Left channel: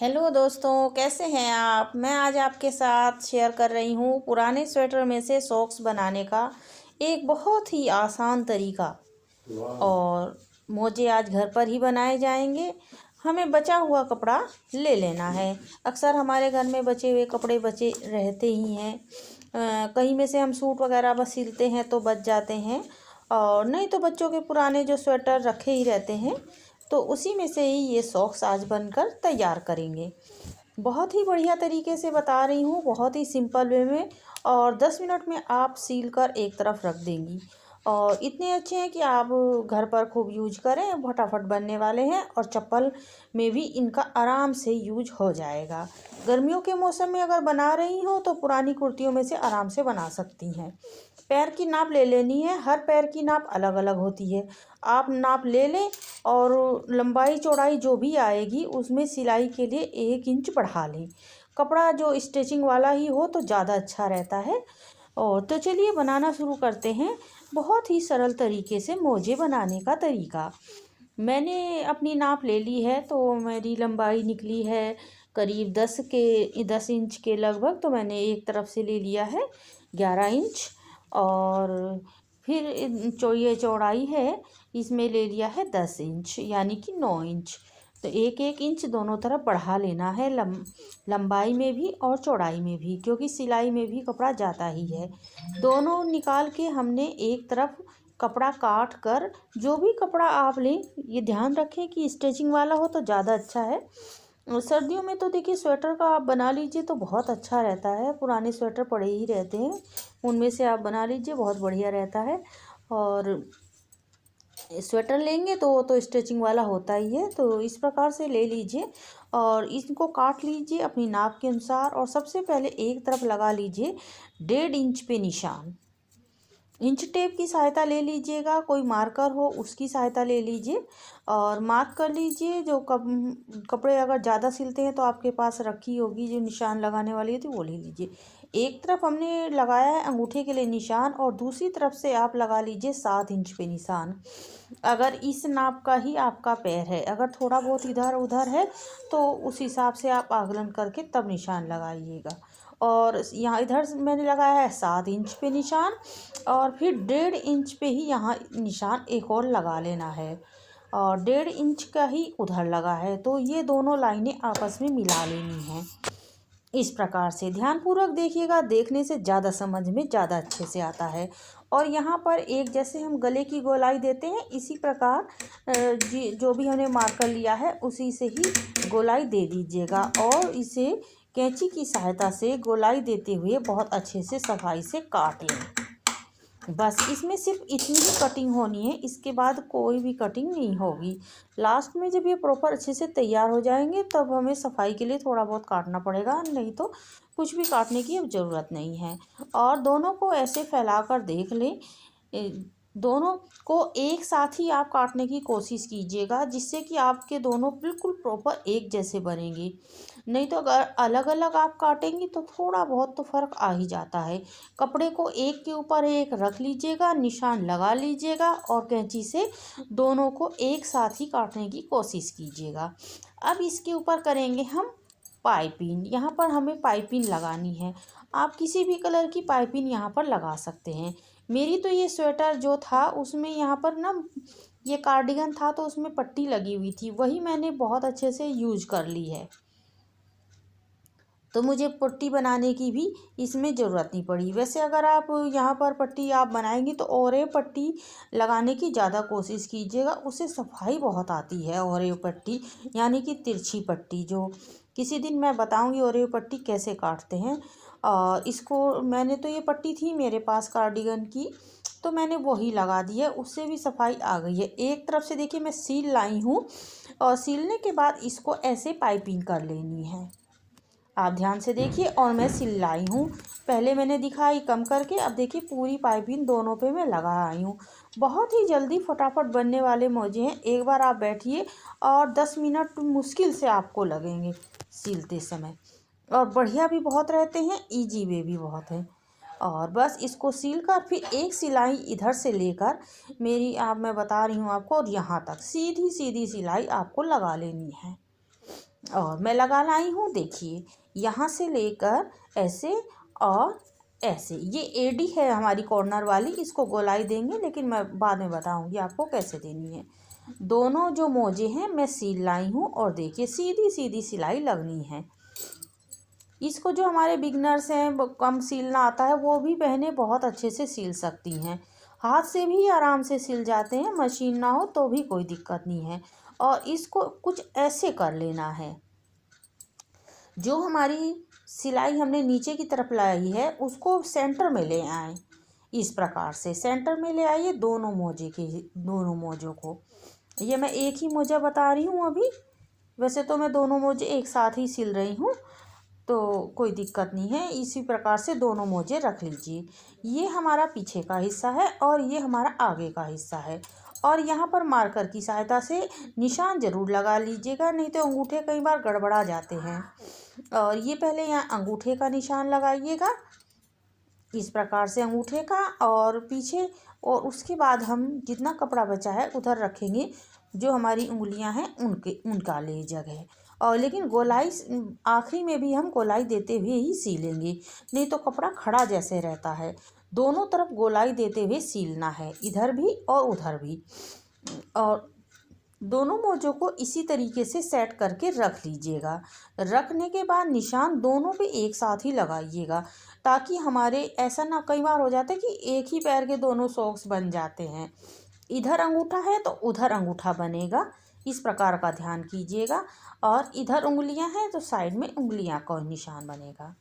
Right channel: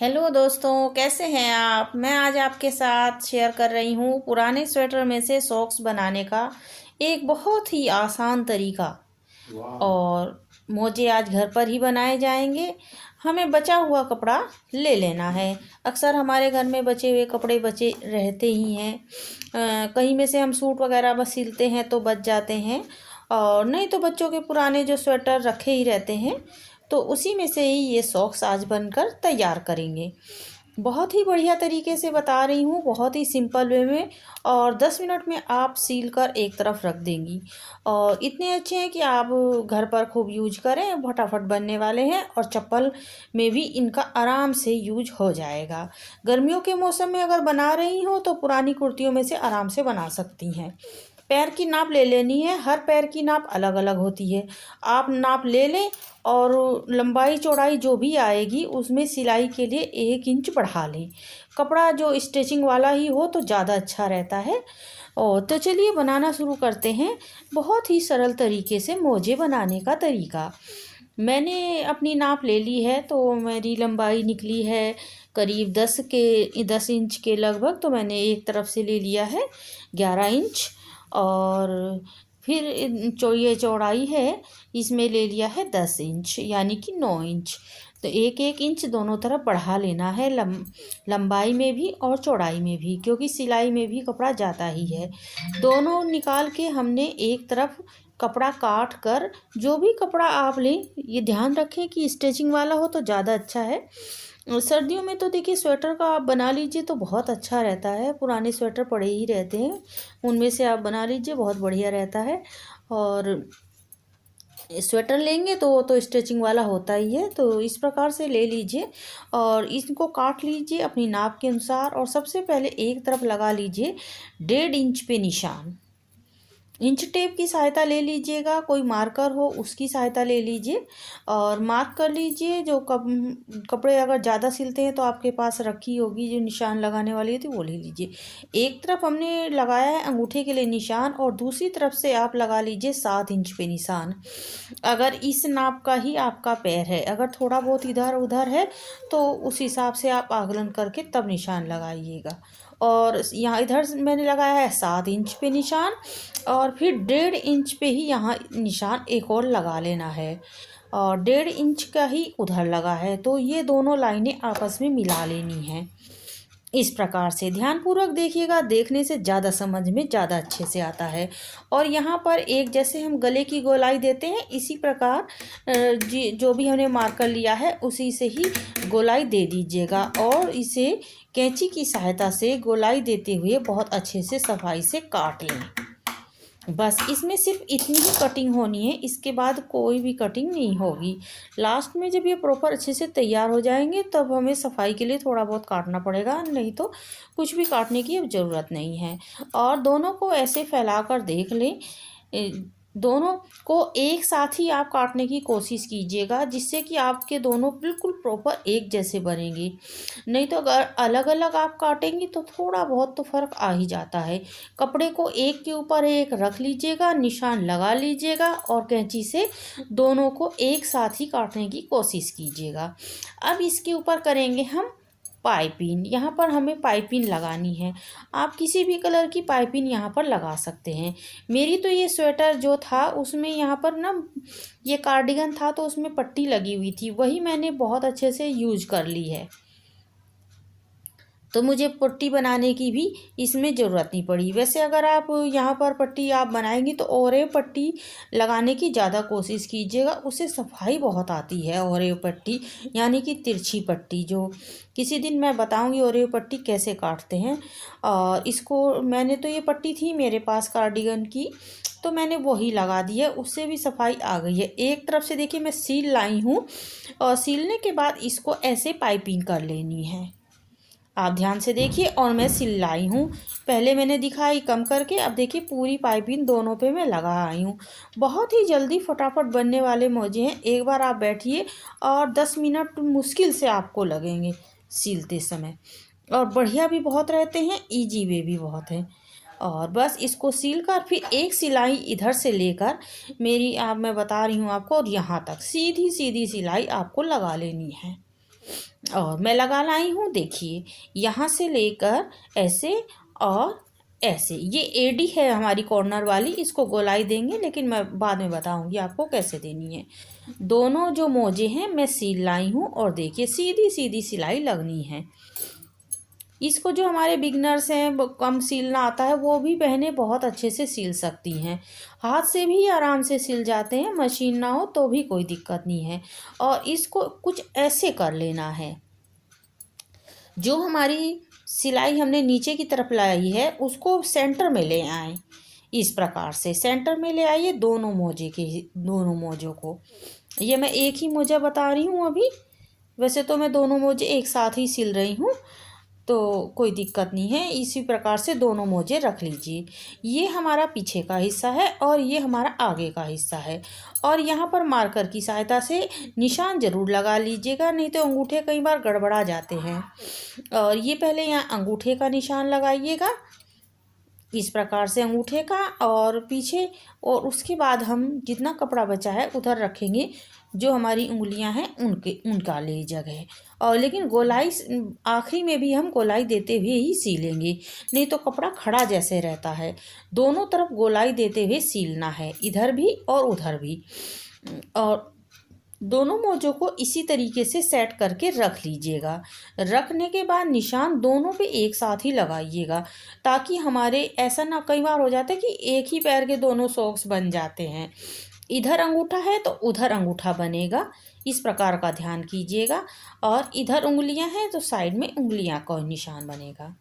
Hello दोस्तों, कैसे हैं आप। मैं आज आपके साथ शेयर कर रही हूँ पुराने स्वेटर में से सॉक्स बनाने का एक बहुत ही आसान तरीका। और मोजे आज घर पर ही बनाए जाएंगे। हमें बचा हुआ कपड़ा ले लेना है। अक्सर हमारे घर में बचे हुए कपड़े बचे रहते ही हैं। कहीं में से हम सूट वगैरह बस सिलते हैं तो बच जाते हैं, और नहीं तो बच्चों के पुराने जो स्वेटर रखे ही रहते हैं, तो उसी में से ही ये सॉक्स आज बनकर तैयार करेंगे। बहुत ही बढ़िया तरीके से बता रही हूँ, बहुत ही सिंपल वे में। और 10 मिनट में आप सील कर एक तरफ रख देंगी। और इतने अच्छे हैं कि आप घर पर खूब यूज करें, फटाफट बनने वाले हैं। और चप्पल में भी इनका आराम से यूज हो जाएगा। गर्मियों के मौसम में अगर बना रही हो तो पुरानी कुर्तियों में से आराम से बना सकती हैं। पैर की नाप ले लेनी है, हर पैर की नाप अलग अलग होती है। आप नाप ले लें और लंबाई चौड़ाई जो भी आएगी उसमें सिलाई के लिए 1 इंच बढ़ा लें। कपड़ा जो स्टिचिंग वाला ही हो तो ज़्यादा अच्छा रहता है। और तो चलिए बनाना शुरू करते हैं। बहुत ही सरल तरीके से मोजे बनाने का तरीका। मैंने अपनी नाप ले ली है, तो मेरी लंबाई निकली है करीब 10 इंच के लगभग। तो मैंने एक तरफ से ले लिया है 11 इंच। और फिर ये चौड़ाई है, इसमें ले लिया है 10 इंच, यानी कि 9 इंच। तो एक एक इंच दोनों तरफ बढ़ा लेना है, लंबाई में भी और चौड़ाई में भी, क्योंकि सिलाई में भी कपड़ा जाता ही है। दोनों निकाल के हमने एक तरफ कपड़ा काट कर, जो भी कपड़ा आप लें ये ध्यान रखें कि स्टिचिंग वाला हो तो ज़्यादा अच्छा है। सर्दियों में तो देखिए स्वेटर का आप बना लीजिए तो बहुत अच्छा रहता है। पुराने स्वेटर पड़े ही रहते हैं, उनमें से आप बना लीजिए, बहुत बढ़िया रहता है। और स्वेटर लेंगे तो वो तो स्टिचिंग वाला होता ही है, तो इस प्रकार से ले लीजिए। और इसको काट लीजिए अपनी नाप के अनुसार। और सबसे पहले एक तरफ लगा लीजिए 1.5 इंच पे निशान। इंच टेप की सहायता ले लीजिएगा, कोई मार्कर हो उसकी सहायता ले लीजिए। और मार्क कर लीजिए। जो कपड़े अगर ज़्यादा सिलते हैं तो आपके पास रखी होगी जो निशान लगाने वाली होती है, वो ले लीजिए। एक तरफ हमने लगाया है अंगूठे के लिए निशान, और दूसरी तरफ से आप लगा लीजिए 7 इंच पे निशान। अगर इस नाप का ही आपका पैर है, अगर थोड़ा बहुत इधर उधर है तो उस हिसाब से आप आकलन करके तब निशान लगाइएगा। और यहाँ इधर मैंने लगाया है 7 इंच पे निशान, और फिर 1.5 इंच पे ही यहाँ निशान एक और लगा लेना है। और 1.5 इंच का ही उधर लगा है, तो ये दोनों लाइनें आपस में मिला लेनी हैं। इस प्रकार से ध्यानपूर्वक देखिएगा, देखने से ज़्यादा समझ में ज़्यादा अच्छे से आता है। और यहाँ पर एक जैसे हम गले की गोलाई देते हैं, इसी प्रकार जो भी हमने मार्कर लिया है उसी से ही गोलाई दे दीजिएगा। और इसे कैंची की सहायता से गोलाई देते हुए बहुत अच्छे से सफाई से काट लें। बस इसमें सिर्फ इतनी ही कटिंग होनी है, इसके बाद कोई भी कटिंग नहीं होगी। लास्ट में जब ये प्रॉपर अच्छे से तैयार हो जाएंगे तब हमें सफाई के लिए थोड़ा बहुत काटना पड़ेगा, नहीं तो कुछ भी काटने की अब ज़रूरत नहीं है। और दोनों को ऐसे फैला कर देख लें। दोनों को एक साथ ही आप काटने की कोशिश कीजिएगा, जिससे कि आपके दोनों बिल्कुल प्रॉपर एक जैसे बनेंगे। नहीं तो अगर अलग अलग आप काटेंगी तो थोड़ा बहुत तो फ़र्क आ ही जाता है। कपड़े को एक के ऊपर एक रख लीजिएगा, निशान लगा लीजिएगा, और कैंची से दोनों को एक साथ ही काटने की कोशिश कीजिएगा। अब इसके ऊपर करेंगे हम पाइपिंग। यहाँ पर हमें पाइपिंग लगानी है। आप किसी भी कलर की पाइपिंग यहाँ पर लगा सकते हैं। मेरी तो ये स्वेटर जो था उसमें यहाँ पर ना, ये कार्डिगन था तो उसमें पट्टी लगी हुई थी, वही मैंने बहुत अच्छे से यूज कर ली है। तो मुझे पट्टी बनाने की भी इसमें ज़रूरत नहीं पड़ी। वैसे अगर आप यहाँ पर पट्टी आप बनाएंगी तो ओरेव पट्टी लगाने की ज़्यादा कोशिश कीजिएगा, उससे सफाई बहुत आती है। ओरेव पट्टी यानी कि तिरछी पट्टी, जो किसी दिन मैं बताऊंगी ओरेव पट्टी कैसे काटते हैं। और इसको मैंने तो ये पट्टी थी मेरे पास कार्डिगन की, तो मैंने वही लगा दी है, उससे भी सफाई आ गई है। एक तरफ से देखिए मैं सील लाई हूँ, और सीलने के बाद इसको ऐसे पाइपिंग कर लेनी है। आप ध्यान से देखिए, और मैं सिलाई हूँ। पहले मैंने दिखाई कम करके, अब देखिए पूरी पाइपिंग दोनों पे मैं लगा आई हूँ। बहुत ही जल्दी फटाफट बनने वाले मोजे हैं। एक बार आप बैठिए और 10 मिनट मुश्किल से आपको लगेंगे सिलते समय। और बढ़िया भी बहुत रहते हैं, इजी वे भी बहुत हैं। और बस इसको सील कर फिर एक सिलाई इधर से लेकर, मेरी आप मैं बता रही हूँ आपको, और यहाँ तक सीधी सीधी सिलाई आपको लगा लेनी है। और मैं लगा लाई हूँ, देखिए यहाँ से लेकर ऐसे और ऐसे। ये एडी है हमारी कॉर्नर वाली, इसको गोलाई देंगे, लेकिन मैं बाद में बताऊंगी आपको कैसे देनी है। दोनों जो मोजे हैं मैं सील लाई हूँ और देखिए सीधी सीधी सिलाई लगनी है। इसको जो हमारे बिगनर्स हैं, कम सीलना आता है, वो भी बहनें बहुत अच्छे से सील सकती हैं। हाथ से भी आराम से सिल जाते हैं, मशीन ना हो तो भी कोई दिक्कत नहीं है। और इसको कुछ ऐसे कर लेना है, जो हमारी सिलाई हमने नीचे की तरफ लाई है उसको सेंटर में ले आए। इस प्रकार से सेंटर में ले आइए दोनों मोजों को। ये मैं एक ही मोजा बता रही हूँ अभी, वैसे तो मैं दोनों मोजे एक साथ ही सिल रही हूँ, तो कोई दिक्कत नहीं है। इसी प्रकार से दोनों मोजे रख लीजिए। ये हमारा पीछे का हिस्सा है और ये हमारा आगे का हिस्सा है। और यहाँ पर मार्कर की सहायता से निशान ज़रूर लगा लीजिएगा, नहीं तो अंगूठे कई बार गड़बड़ा जाते हैं। और ये पहले यहाँ अंगूठे का निशान लगाइएगा, इस प्रकार से अंगूठे का और पीछे, और उसके बाद हम जितना कपड़ा बचा है उधर रखेंगे, जो हमारी उंगलियां हैं उनका ले जगह। और लेकिन गोलाई आखिरी में भी हम गोलाई देते हुए ही सीलेंगे, नहीं तो कपड़ा खड़ा जैसे रहता है। दोनों तरफ गोलाई देते हुए सीलना है, इधर भी और उधर भी। और दोनों मोजों को इसी तरीके से सेट करके रख लीजिएगा। रखने के बाद निशान दोनों पे एक साथ ही लगाइएगा, ताकि हमारे ऐसा ना कई बार हो जाता है कि एक ही पैर के दोनों सॉक्स बन जाते हैं। इधर अंगूठा है तो उधर अंगूठा बनेगा, इस प्रकार का ध्यान कीजिएगा। और इधर उंगलियां हैं तो साइड में उंगलियां का निशान बनेगा।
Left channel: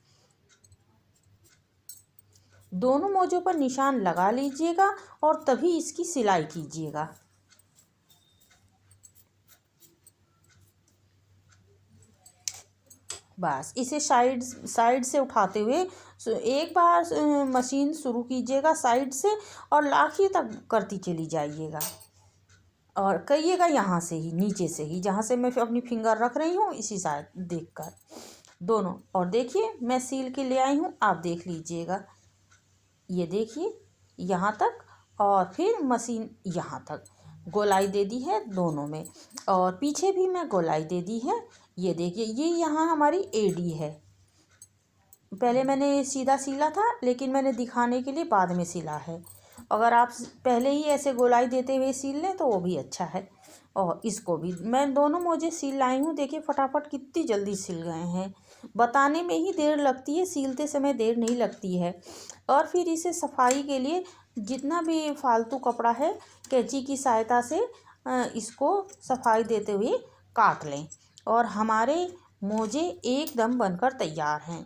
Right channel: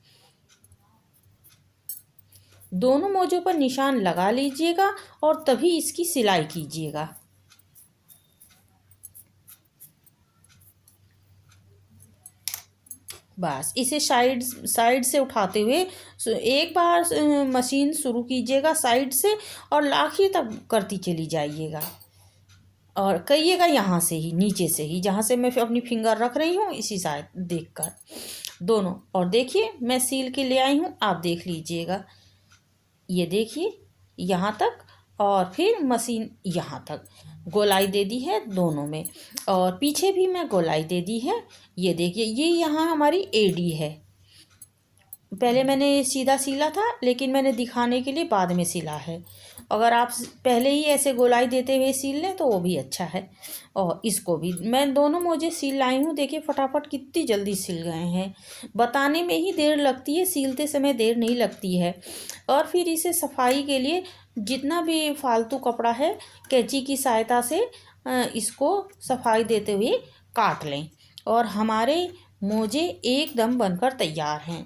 दोनों मोजों पर निशान लगा लीजिएगा और तभी इसकी सिलाई कीजिएगा। बस इसे साइड से उठाते हुए एक बार मशीन शुरू कीजिएगा साइड से और आखिर तक करती चली जाइएगा। और करिएगा यहाँ से ही, नीचे से ही, जहाँ से मैं अपनी फिंगर रख रही हूँ इसी साइड देखकर दोनों। और देखिए मैं सील के ले आई हूँ, आप देख लीजिएगा। ये देखिए यहाँ तक, और फिर मशीन यहाँ तक गोलाई दे दी है दोनों में, और पीछे भी मैं गोलाई दे दी है। ये देखिए ये यहाँ हमारी एडी है। पहले मैंने सीधा सिला था, लेकिन मैंने दिखाने के लिए बाद में सिला है। अगर आप पहले ही ऐसे गोलाई देते हुए सील लें तो वो भी अच्छा है। और इसको भी मैं दोनों मोजे सील लाई हूँ, देखिए फटाफट कितनी जल्दी सिल गए हैं। बताने में ही देर लगती है, सीलते समय देर नहीं लगती है। और फिर इसे सफाई के लिए जितना भी फालतू कपड़ा है, कैंची की सहायता से इसको सफाई देते हुए काट लें, और हमारे मोजे एकदम बनकर तैयार हैं।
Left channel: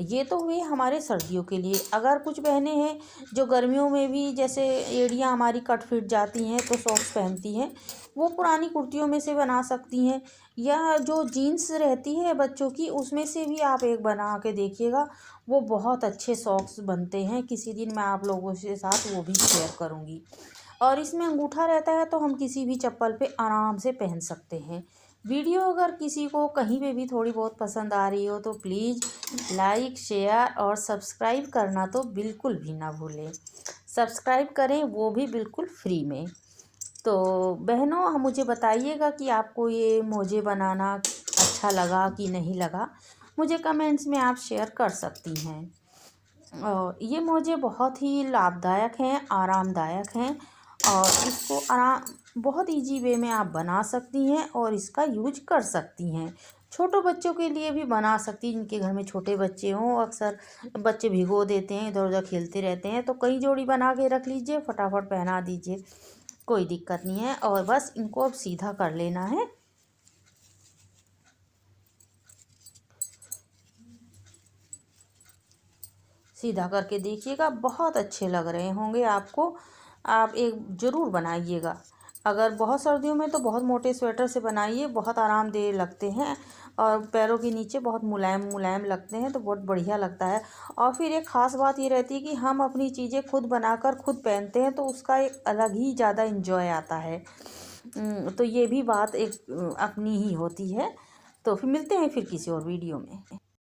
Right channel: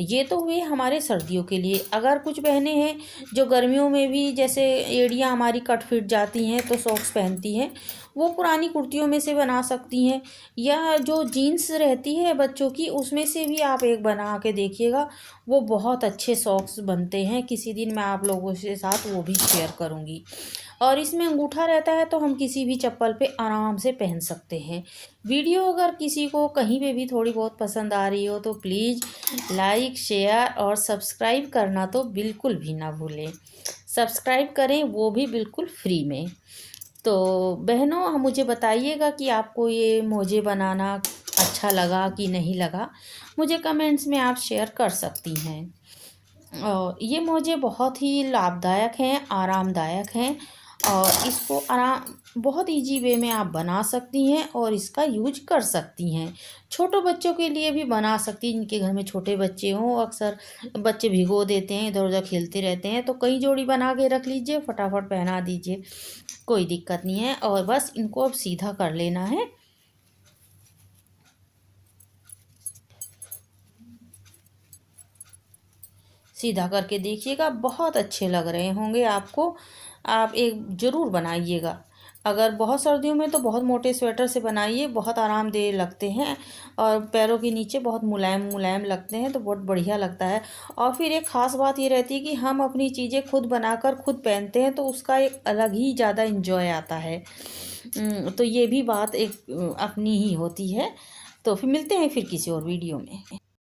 ये तो हुए हमारे सर्दियों के लिए। अगर कुछ बहनें हैं जो गर्मियों में भी, जैसे एड़ियाँ हमारी कट फिट जाती हैं तो सॉक्स पहनती हैं, वो पुरानी कुर्तियों में से बना सकती हैं, या जो जीन्स रहती है बच्चों की उसमें से भी आप एक बना के देखिएगा, वो बहुत अच्छे सॉक्स बनते हैं। किसी दिन मैं आप लोगों के साथ वो भी शेयर करूँगी। और इसमें अंगूठा रहता है तो हम किसी भी चप्पल पे आराम से पहन सकते हैं। वीडियो अगर किसी को कहीं पे भी थोड़ी बहुत पसंद आ रही हो तो प्लीज़ लाइक, शेयर और सब्सक्राइब करना तो बिल्कुल भी ना भूलें। सब्सक्राइब करें, वो भी बिल्कुल फ्री में। तो बहनों मुझे बताइएगा कि आपको ये मोजे बनाना अच्छा लगा कि नहीं लगा, मुझे कमेंट्स में आप शेयर कर सकती हैं। और ये मोजे बहुत ही लाभदायक हैं, आरामदायक हैं, और इसको बहुत इजी वे में आप बना सकती हैं और इसका यूज कर सकती हैं। छोटे बच्चों के लिए भी बना सकती हैं, जिनके घर में छोटे बच्चे हों। अक्सर बच्चे भिगो देते हैं, इधर उधर खेलते रहते हैं, तो कई जोड़ी बना के रख लीजिए, फटाफट पहना दीजिए, कोई दिक्कत नहीं है। और बस इनको अब सीधा कर लेना है। सीधा करके देखिएगा, बहुत अच्छे लग रहे होंगे आपको। आप एक ज़रूर बनाइएगा। अगर बहुत सर्दियों में तो बहुत मोटे स्वेटर से बनाइए, बहुत आरामदेह लगते हैं और पैरों के नीचे बहुत मुलायम मुलायम लगते हैं, तो बहुत बढ़िया लगता है। और फिर एक ख़ास बात ये रहती है कि हम अपनी चीज़ें खुद बनाकर खुद पहनते हैं, तो उसका एक अलग ही ज़्यादा इन्जॉय आता है। तो ये भी बात एक अपनी ही होती है। तो फिर मिलते हैं फिर किसी और वीडियो में।